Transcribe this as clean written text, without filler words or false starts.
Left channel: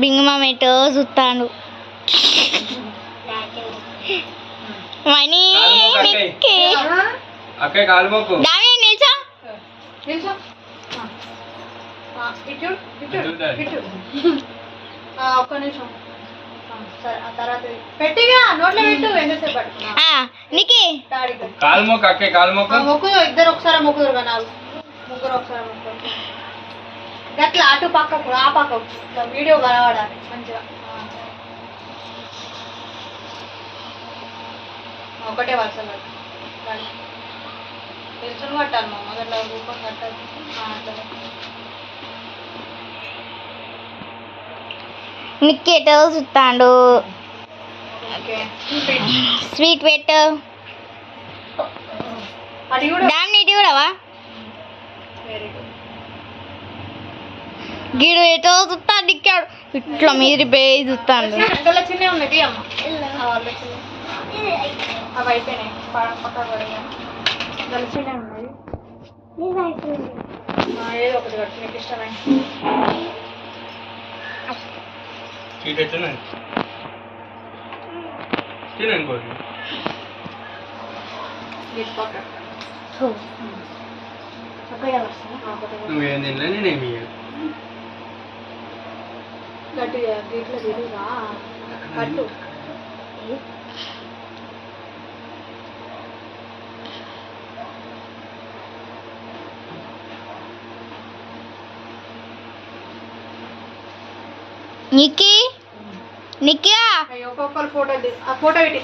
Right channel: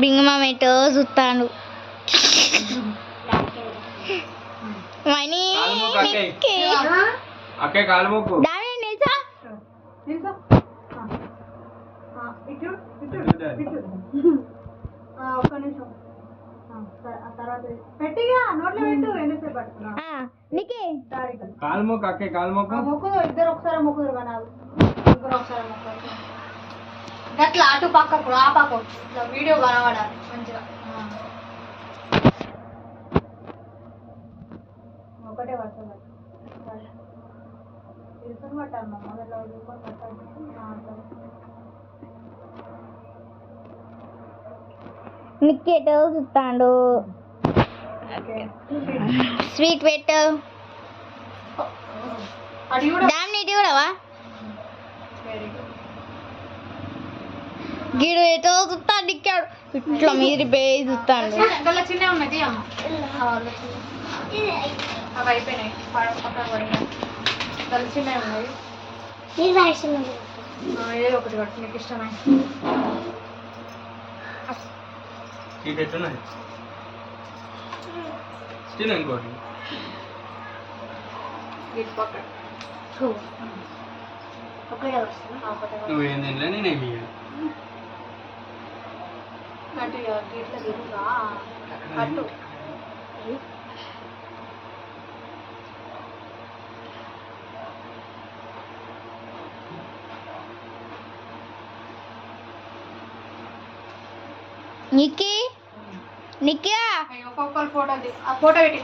బింగమామెటో చూస్తాడు. మనీ అక్కే కాలు మొక్కు. దాని నిల్చో. ఒక్క నిమిషం. తర్వాత పెట్టిగా నోట్లో పెట్టు. ఎంతసేపు నీకే కాలు మొక్కు అక్కే కాలు మొక్కు. మొక్కు ఇద్దరు ఒకసారి మొక్కుదురు కదా నాకు. ఇద్దరు ఒకసారి మొక్కు. గట్లా అటు పక్కకు ఆ పక్కకు వీడియో కనబడాలి మంచిగా. ఒకటే వరుస తెలుసుని పట్టాలి మమ్మ గట్లా రూపం కట్టాలి. నిక్కేటో చూస్తాడు. స్వీట్ పెట్టు. అది కూడా డామ్ నీటి కూడావా. Very good. గిడు ఎటో చూస్తాడు. నిక్కాడు ఇట్లా మీరు బేయి చూస్తాడు. చిన్న ఉన్నది అమ్మ. అవి అయిపోయినాయి పక్కకు పోయినాయి. చిన్న ఉన్నాయి. ఏదో ఒకటి కట్టు నీకు ఇష్టమే. స్వీట్ ఎట్లా స్టిల్ ఇంకోటి నువ్వేం తినలే నేనేమి గట్టిగా గీట్లో తిరుగురా కట్టు. నిక్కి నిక్కియా ఒక్కొక్కరు ఫోటో ఫోటో పెట్టి